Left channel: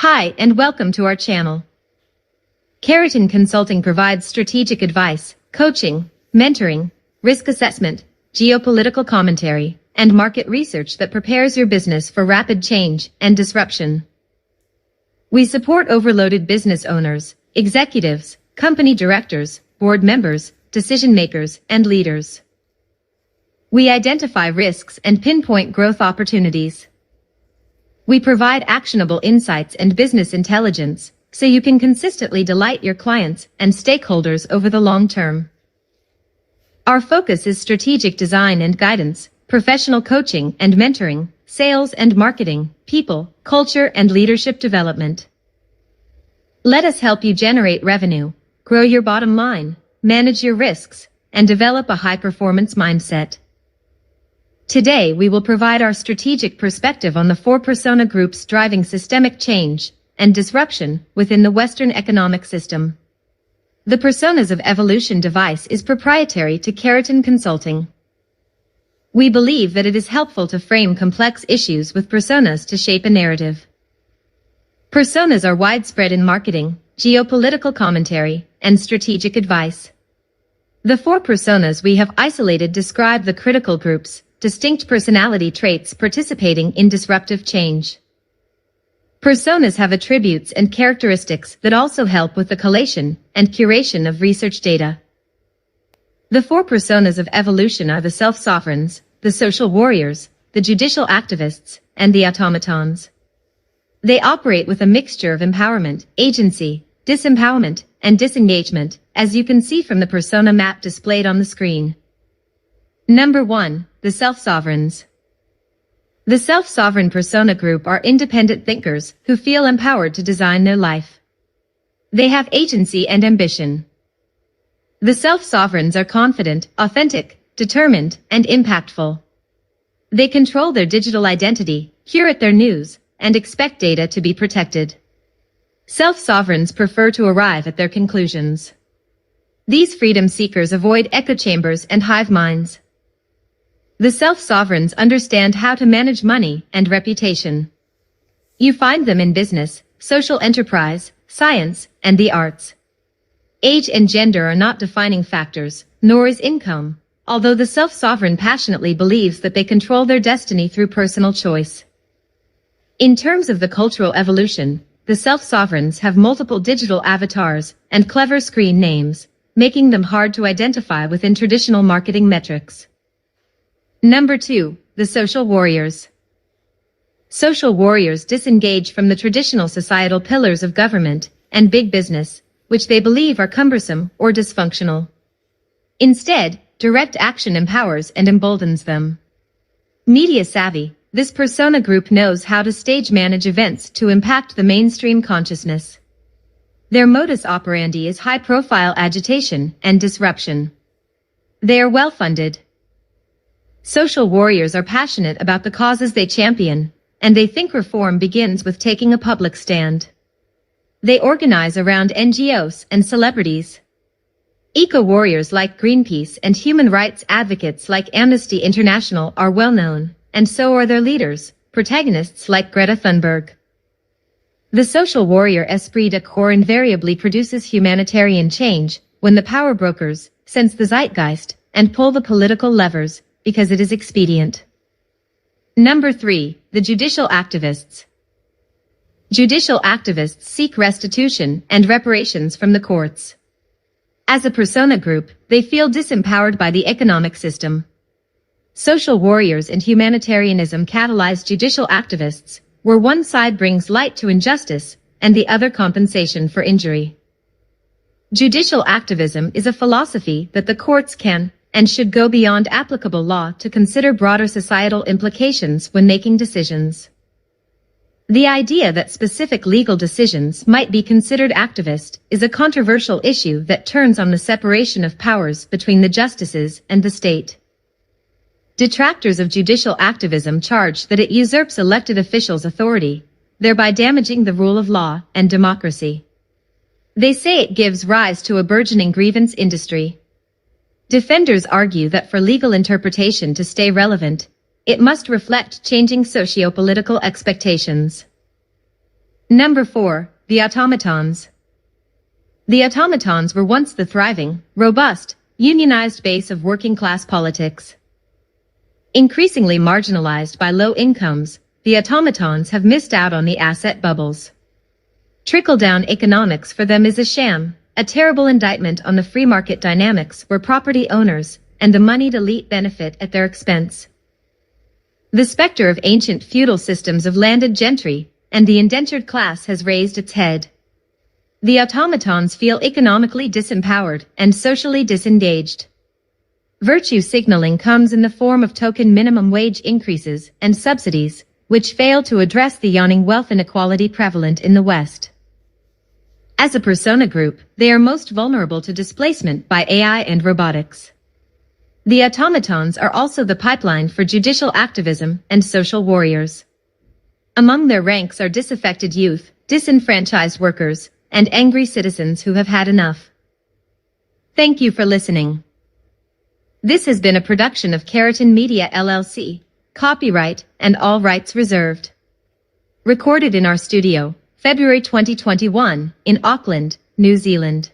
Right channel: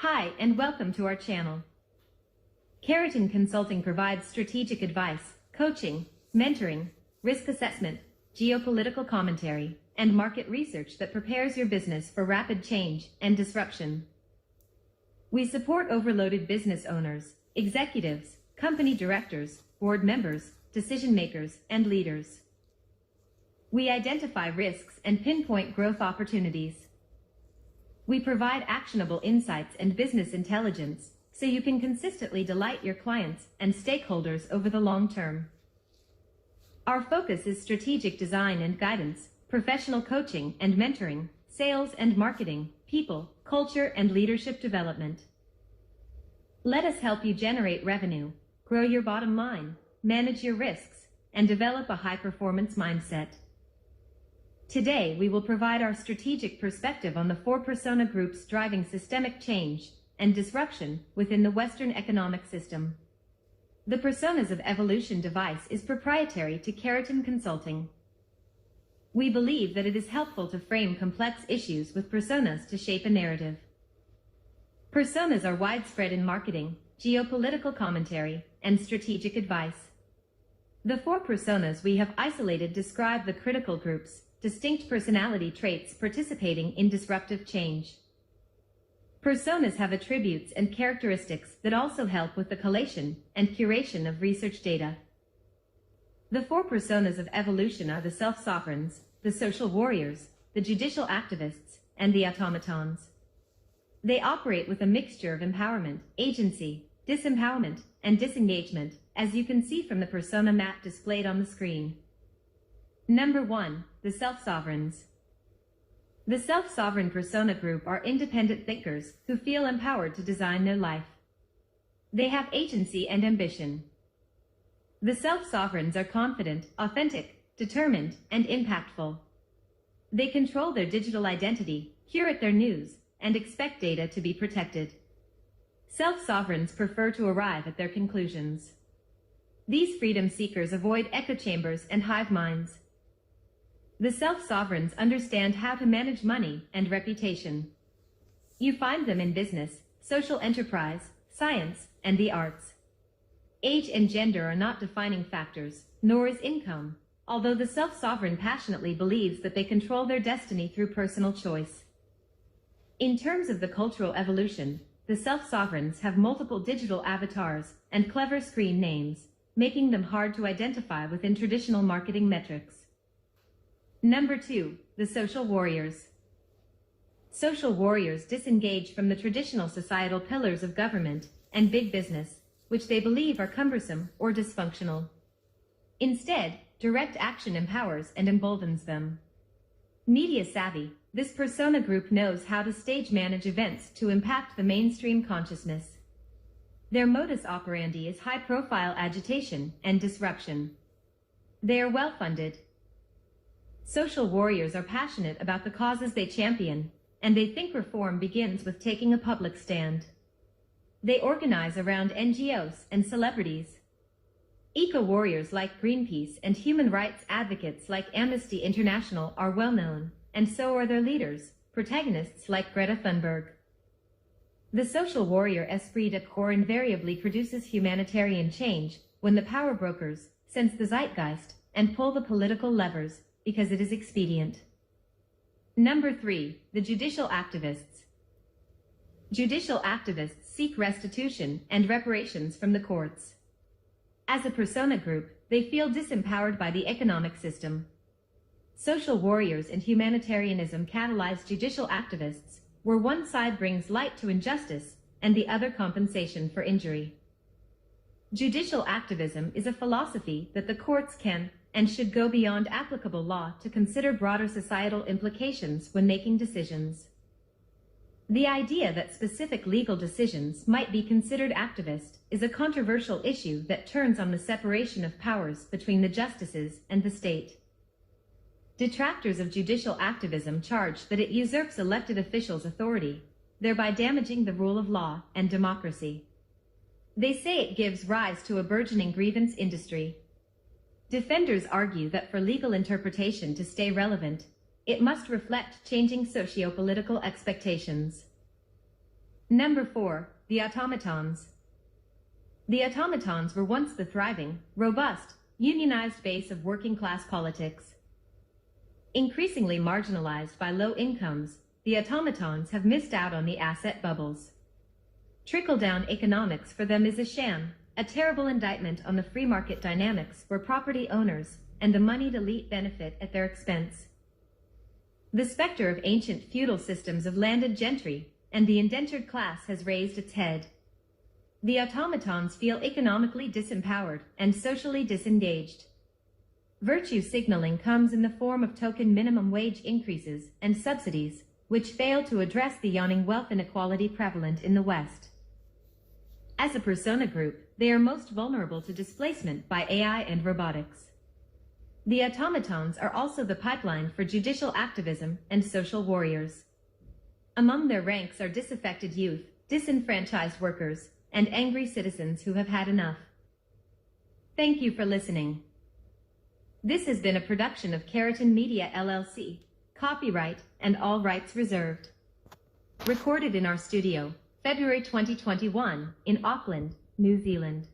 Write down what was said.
Hi and welcome to our channel. Keraton Consulting provides strategic advice, coaching, mentoring, risk assessment, geopolitical commentary, and market research that prepares your business for rapid change and disruption. We support overloaded business owners, executives, company directors, board members, decision makers, and leaders. We identify risks and pinpoint growth opportunities. We provide actionable insights and business intelligence, so you can consistently delight your clients and stakeholders over the long term. Our focus is strategic design and guidance, professional coaching and mentoring, sales and marketing, people, culture, and leadership development. Let us help you generate revenue, grow your bottom line, manage your risks, and develop a high-performance mindset. Today we will provide our strategic perspective on the four persona groups driving systemic change and disruption within the Western economic system. The Personas of Evolution device is proprietary to Keraton Consulting. We believe that it is helpful to frame complex issues with personas to shape a narrative. Personas are widespread in marketing, geopolitical commentary, and strategic advice. The four personas we have isolated describe the critical groups, distinct personality traits participating in disruptive change. Personas have attributes and characteristics that also help with the collation and curation of research data. The four personas of evolution are the self-sovereigns, the social warriors, the judicial activists, and the automatons. They operate with a mixture of empowerment, agency, disempowerment, and disengagement, as you can see from the persona map displayed on the screen. Number 1. The self-sovereigns. The self-sovereign persona group are independent thinkers who feel empowered to design their life. They have agency and ambition. The self-sovereigns are confident, authentic, determined, and impactful. They control their digital identity, curate their news, and expect data to be protected. Self-sovereigns prefer to arrive at their conclusions. These freedom seekers avoid echo chambers and hive minds. The self-sovereigns understand how to manage money and reputation. You find them in business, social enterprise, science, and the arts. Age and gender are not defining factors, nor is income, although the self-sovereign passionately believes that they control their destiny through personal choice. In terms of the cultural evolution, the self-sovereigns have multiple digital avatars and clever screen names, making them hard to identify within traditional marketing metrics. Number 2. The social warriors. Social warriors disengage from the traditional societal pillars of government and big business, which they believe are cumbersome or dysfunctional. Instead, direct action empowers and emboldens them. Media savvy, this persona group knows how to stage manage events to impact the mainstream consciousness. Their modus operandi is high-profile agitation and disruption. They are well-funded. Social warriors are passionate about the causes they champion, and they think reform begins with taking a public stand. They organize around NGOs and celebrities. Eco-warriors like Greenpeace and human rights advocates like Amnesty International are well known, and so are their leaders, protagonists like Greta Thunberg. The social warrior esprit de corps invariably produces humanitarian change when the power brokers sense the zeitgeist and pull the political levers because it is expedient. Number 3. The judicial activists. Judicial activists seek restitution and reparations from the courts. As a persona group, they feel disempowered by the economic system. Social warriors and humanitarianism catalyze judicial activists, where one side brings light to injustice and the other compensation for injury. Judicial activism is a philosophy that the courts can and should go beyond applicable law to consider broader societal implications when making decisions. The idea that specific legal decisions might be considered activist is a controversial issue that turns on the separation of powers between the justices and the state. Detractors of judicial activism charge that it usurps elected officials' authority, thereby damaging the rule of law and democracy. They say it gives rise to a burgeoning grievance industry. Defenders argue that for legal interpretation to stay relevant, it must reflect changing socio-political expectations. Number 4. The Automatons. The automatons were once the thriving, robust, unionized base of working-class politics. Increasingly marginalized by low incomes, the automatons have missed out on the asset bubbles. Trickle-down economics for them is a sham, a terrible indictment on the free market dynamics where property owners and the moneyed elite benefit at their expense. The specter of ancient feudal systems of landed gentry and the indentured class has raised its head. The automatons feel economically disempowered and socially disengaged. Virtue signaling comes in the form of token minimum wage increases and subsidies, which fail to address the yawning wealth inequality prevalent in the West. As a persona group, they are most vulnerable to displacement by AI and robotics. The automatons are also the pipeline for judicial activism and social warriors. Among their ranks are disaffected youth, disenfranchised workers, and angry citizens who have had enough. Thank you for listening. This has been a production of Keraton Media LLC, copyright and all rights reserved. Recorded in our studio, February 2021, in Auckland, New Zealand.